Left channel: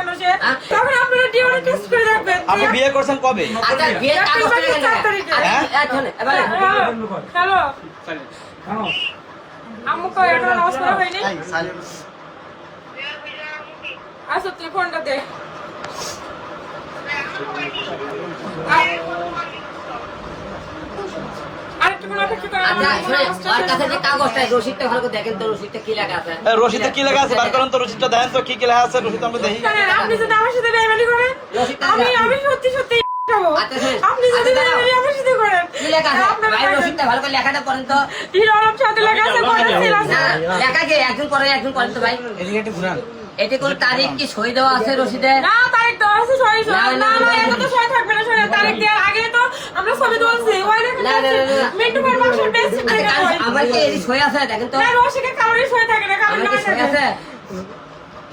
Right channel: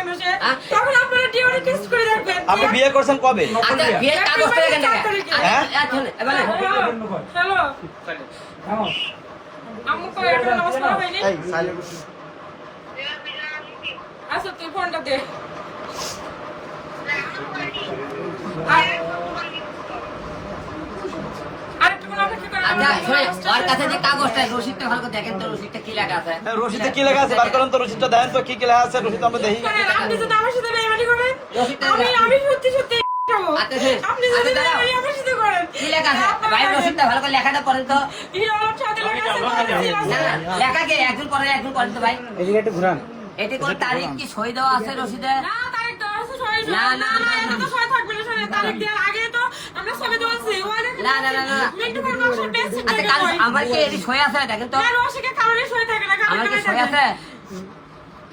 কেন সে? তখন আপনারা ডিএনএ টেস্ট করে দেখবেন। আপনি বিয়ে করছেন কবে? আচ্ছা বিয়ে কাগজ করে কেন? হ্যাঁ হ্যালো আম্মু কই এটা নমস্কার হয়নি? আচ্ছা তুই ফোনটা দে। রসিদটা কি লেখা আছে? রসিদে কি লেখা আছে? বার করেন তো রসিদটা, দেন তো কি কি লেখা আছে রসিদ আমরা দেখি। আপনি যদি আমার সাথে বেইমানি করেন, আমি সত্যি সত্যি খাবো। আপনি যদি বেইমানি আমার সাথে করেন, কি লেখা আছে? ভাই রসিদটা ভালো করে লেখাটা পড়েন তো। হিরো আলম সাথে লেখা আছে, বলেছিল আছে। লেখা কি একদিন পরে তো ভাই। এদিকে একটু ঘুরান। এতে কোন তারিখ কি সই দেওয়া আছে রসিদে? না তারিখ দেওয়া আছে, সই সই না এটা তো সই থাকবে না, সই তারিখ দেওয়ার আগে তো আমরা ছবি তুলছি। ওই দেখেন মিন্টু ভাই মাসের বেস্ট থেকে কই আমার কি এই সই আছে দেখেন তো। না রসিকে কারণে সই থাকে না, কারণ আমার না কি সই থাকে। আছে?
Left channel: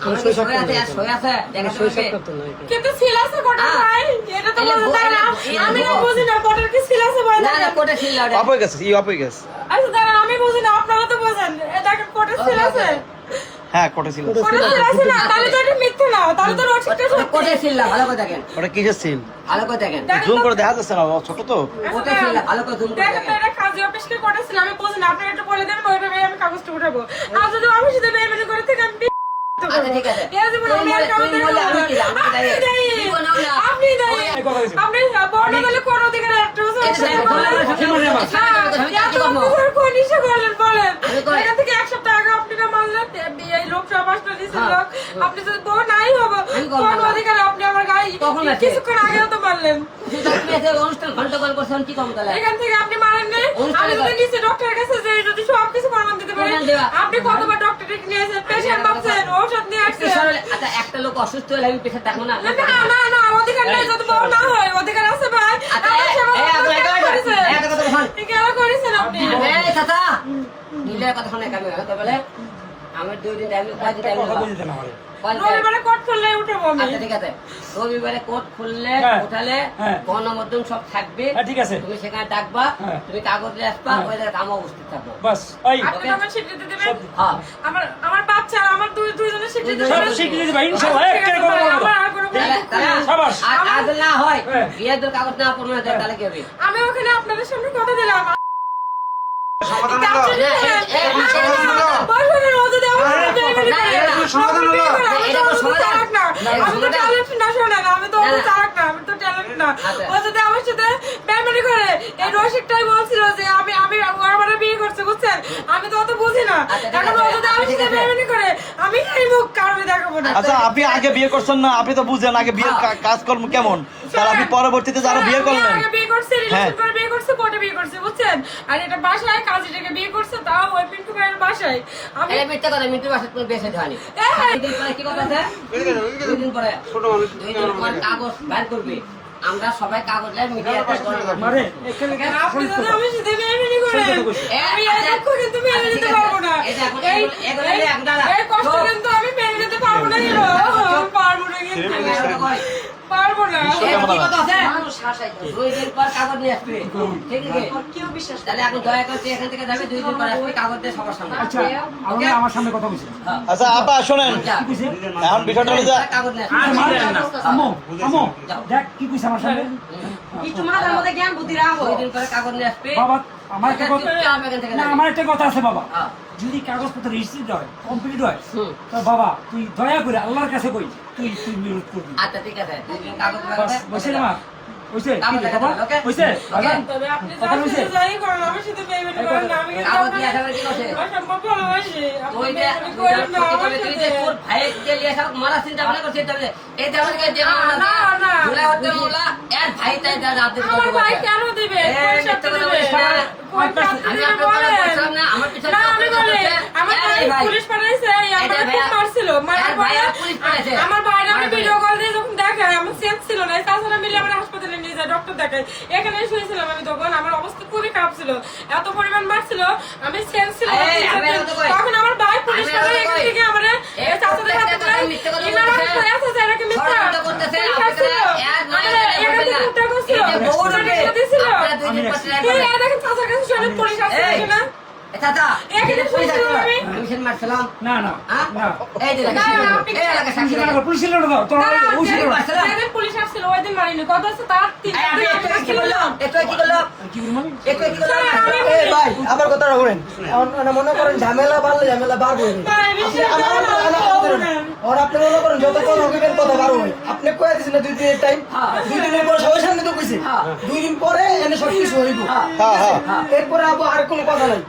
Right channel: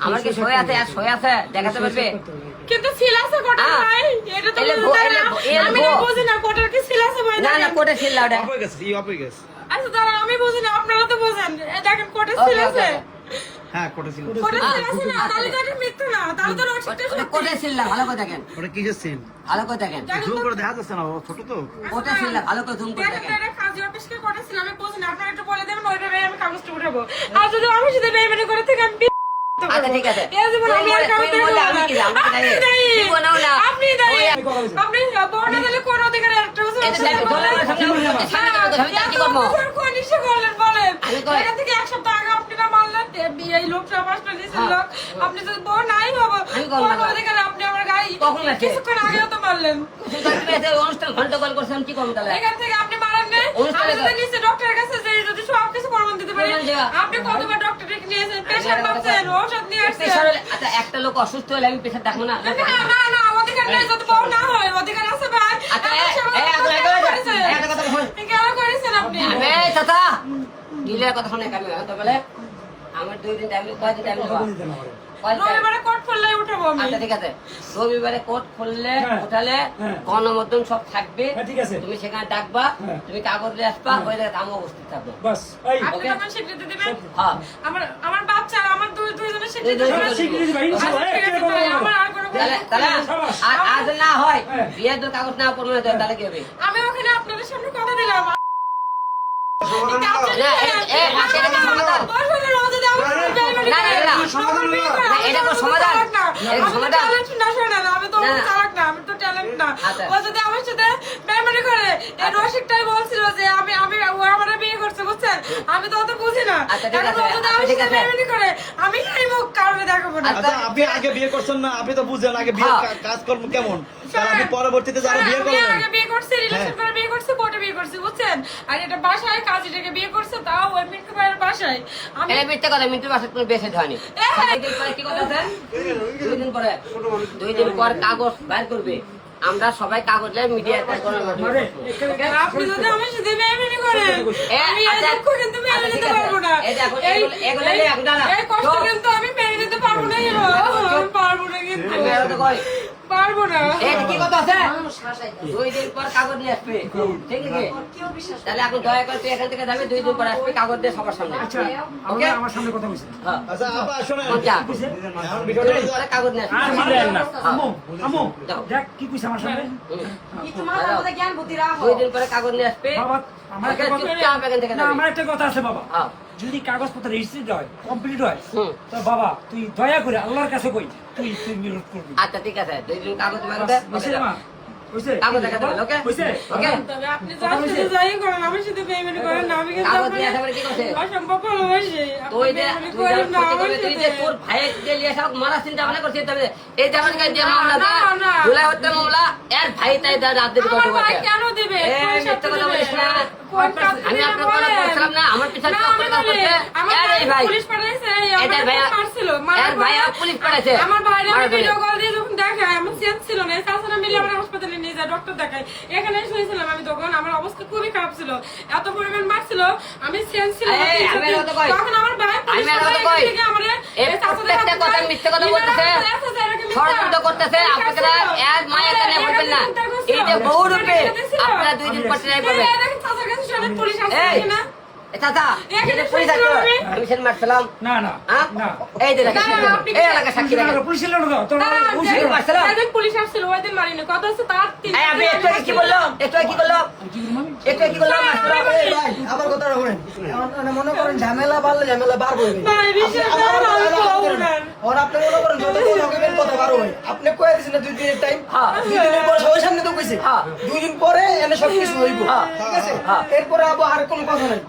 আমার কি সই আছে? আর সই আছে দেখাতে পারবে? কিন্তু সিল আছে কোটা ভাই, এটা তো বলতে না। আমি না বুঝি না কোটার কি সিল আছে ভাই না না দেখেন। কোটা ছিল না। অপ হয়ে গেছে, ই অপ হয়ে গেছে। আচ্ছা দাঁড়ান, আমি বুঝি না, আপনারা তো বোঝেন। এই দেখেন কোটা সিল আছে, হ্যাঁ কোটা ছিল। কোটা সিল আছে না, তাহলে তো এটা মিথ্যা না, তাহলে তো রসিকটা ওটা সত্যি। কোটা ছিল না, ভালো করে দেখেন। ওটা কিসের সিল? ভালো করে দেখেন। জুম করে দেখা যাচ্ছে না, ও ছোট তো। কোটা ছিল না, ভালো করে জুম করে দেখেন দেখেন। এটা কাজী অফিস কি কোটা ছিল, আমি বুঝি না। আপনারা একটু বলে দেবেন, ওইভাবে আমি কাগজটা উঠাবো। আর যদি আমার সাথে বেইমানি করে থেকে আমি আচ্ছা ঠিক আছে। এই জীবন আমি আর কাউকে দেব না। আমি কি জানি? আপনি দায়ী। আপনি দায়ী। আপনি বড় গেলে কোন অধিকার একটা বছর কোন ইস্যু করলেন বলেন? এটা থেকে এক সপ্তাহ আগে আপনি না মানলেন এই লোকটা মাসটা নিয়েছিল লোক। আপনি যদি বউ নাই হবো কোন অধিকারে আপনি আমার গাড়ি কিছুক্ষণ আগেও তো মারলেন। অনুষ্ঠান ঘন্টা কল করছেন কি করবো তাহলে? এখান থেকে আপনি মারেন নাই। আমি যদি নিচে ডক্টরের কাছে যাই, যদি সবকিছু প্রমাণ দিতে পারি, আপনি কতবার ডক্টর ডেকে নিয়েছেন, পেশেন্ট পাচ্ছেন, ঔষধ নিয়ে আসছেন। আচ্ছা একটা লোক অসুস্থ হলে আমি পেশা দেখবো না? না না না অধিকার নাই, যদি বউ না হয় অধিকার আছে ভাই। কেন করেছেন আপনি? বলে আমার 2 দিন টাইম, কয়দিন টাইম রবিবারে কোর্ট খুললে উঠবো আমি। আচ্ছা ঠিক আছে, রবিবারে কোর্ট খুললে উঠালে গণমাধ্যম সব থাকবে, ঠিক আছে। তুমি সেখানে ডাকবা, তুমি কাগজ নিয়ে আসবা, ওই জায়গায় আমি উপস্থিত থাকবো। বাস ওই আপনি আমার স্বীকৃতি দিবেন। হ্যাঁ আমার বাচ্চা, আমার দুইজনের স্বীকৃতি দুইজনের দিবেন। স্বীকৃতি দিবা, ইনশাআল্লাহ, একটা করে করবো। আমার আর কোনো তাহলে আর যদি না হয় বিয়ের দূর কাগজ না পড়বে না তাহলে কি হবে? আমি ওখানে আপনাদের সামনে কথা দিলাম। সমাধান হলো। বলবেন না, ও যদি আমার সাথে বেইমানি করে। সমাধান হলো। এটা কোনো সমাধান না, আমি তো ট্যালেন্ট না, শোনেন, আমি তো চালাক না, আমি তো ট্যালেন্ট না। ও যদি আমার সাথে বেইমানি করে, এই রসিকটাই বলছিল যে আমি আমার বিয়ে করছে, বুঝছেন? আমি তো অত বুঝি না। এখন ও যদি আমার সাথে বেইমানি করে, আমি এই মুখ কারণে দেখাবো না। আচ্ছা আপনি আগে বিয়ে করছেন না, আপনি তো বুঝেন আগে বিয়ে কাজকর্ম কেমন, তাহলে আপনি পরবর্তীতে যারা বিয়ে করলেন। আমি আগে বিয়ে করছি, রিলেশন করে বিয়ে করছি, কোর্টে বিয়ে করছি, বুঝছেন? আর এটা বাসায় কাজীটাকে বিয়ে করছে, তাও ওই মিন্টু ভাইয়ের বাসায়। আমি এই মিথ্যা কথা, মিন্টুর বাসায় তুমি বেঁচে হয়নি। 2 দিন পরে কি করতেছে? 2 দিন পরে 2 দিন পর কাগজ বের করবে, আমরা সবাই কাগজ নিয়ে মিডিয়াতে আপনি যদি আমার সাথে বেইমানি করেন, আমি আর দুঃখ কিন্তু মেনে নিতে পারবো না। এই কষ্ট কিন্তু আমি মেনে নিতে পারবো না। কেন পারবো না? কিন্তু পারবো না। 2 দিন পর কাগজ নিয়ে আসবে, ঠিক আছে? তাহলে এখন দয়া করে তুই এখান থেকে যাবে, 2 দিন পর আসবে, কাগজ দিয়ে সবার সামনে। আপনি আমার সামনে কথা বলছেন। আচ্ছা আপা শোনেন, যা, এখন বিষয়টা হলো যে কাগজ নিয়ে আসবে। আম্মু আম্মু দেখ কি কইছ আমার সামনে। একটু মাথার মধ্যে জ্ঞান বুদ্ধি রাখো। 2 দিন পরে কাগজ নিয়ে আসবে, বাবা আমার একটা কথা, চুপচাপ এখান থেকে না, যাবে। আমার একটা কথা আছে বাবা। হ্যাঁ। যদি কাগজপত্র রিসিভ হয়, কমপ্লিট হয়, হুম। তো বাবা তুই দয়া করে আল্লাহর কাছে কই তুই বিরোধ করবি। আচ্ছা ঠিক আছে, 2 দিন কাগজ লাগবে, বুঝছিস না? বুঝছে? কাগজ দেখাতে হবে, ওকে? বুঝছে? ওকে? তবে আপনি যাই করেন, আমার সাথে বেইমানি করেন না। আমি কিন্তু কাগজ নিয়ে আসার কি করছে? অসম্ভব ভালোবাসি। আপনি তুই যে বেইমানি করেন না আমার তুই যে সাথে। তোর ভাইকে নিয়ে সব মারা চিন্তা ভাবনা করছিস, তবে এই যে আমাকে যে না, না। জুলাই হত্যা মামলা এর ভাই তাই যা রাজনীতি আমার করতে ভাই বলছে। কেন দিবে? এই কোন মিথ্যা শাস্তি কথা দিবে? বলিস না। কোন শাস্তি আমি দিবে আপনার কথা বলেন? বলছিলাম না, আমার পিছনে না, আমি কথা বলি, বলছে। আমার এই ভাই পুলিশ পাঠাইছে, এটা আমার ভাইয়া- মারছিল, এর মারার ভাইয়া পরে পুলিশ পাঠাইছে। আমার ভাইরা মারার ভিডিও পরে। কল দিয়ে যখন দেখায়, আমার সেন্স ছিল না, তাছাড়া মিলে আমার হাসপাতালে নিয়ে যায়, ডক্টর দেখায়। এখানে শুয়েছিলাম আমি, তখন আমার অবস্থা খুবই খারাপ ছিল, এত পরিমাণ মারছিল, আমি সেন্স ছিল না। এই, আমি আর কথা কই। তখন আমার ভাই পুলিশ আমি আর কথা পাঠায়, কই। এখান থেকে আমারে এই এই চাচাদের প্রত্যেকটা হাতে কথা দেয়, মিথ্যা কথা ইনারা বলতেছে। বলে, আচ্ছা, যারা কি মিথ্যা? ষড়যন্ত্র করতেছে, মিথ্যা আপনারা ছিল। এক মায়ের আমাদের জন্য বলবেন না। একাধিক মিথ্যা এই যে ছিল। বউ রূপে মিথ্যা ছিল। আপনারা 2 দিন পর ট্রাই এই করবেন। দেখেন চাচার কাছে সবাই পুলিশ আসছে এই, না? চাচা এখানে শুয়েছিলাম আমি। আমি সেদিন মারছিলাম না না হ্যাঁ? না এই যে দেখেন, না, আপনি এই এলাকায় সাক্ষী পুলিশের দেখেন। লোক, পুলিশের লোক দাও, তোমার না, ওই ছিল না। যেদিন পুলিশ আসছিল ওই দিন মারিনি কত হচ্ছে তার তিন এই, আমি একটু আগে কি বললাম? একটু আগে কি বললাম? কি করবো? একটু আগে কি বললাম? এই ভাই, আমার কথাটা বলেন। মানে মনে করেন ঝামেলা বাড়লে ঝামেলা বাড়বে। ভাই, বিশ্বাস করেন, আমি তো বলবো না। আর আপনি মনে করেন যতক্ষণ হইবেন কথা বাড়ো ভাই। আপনি কয়ে দিয়েছেন না 2 দিনের টাইম। 2 দিনের পর সবার সামনে তো কইছে। 2 দিন পরে এনে সব কিছু হইব। ঠিক আছে? এরপরে আবার আর কোনো কথা নাই।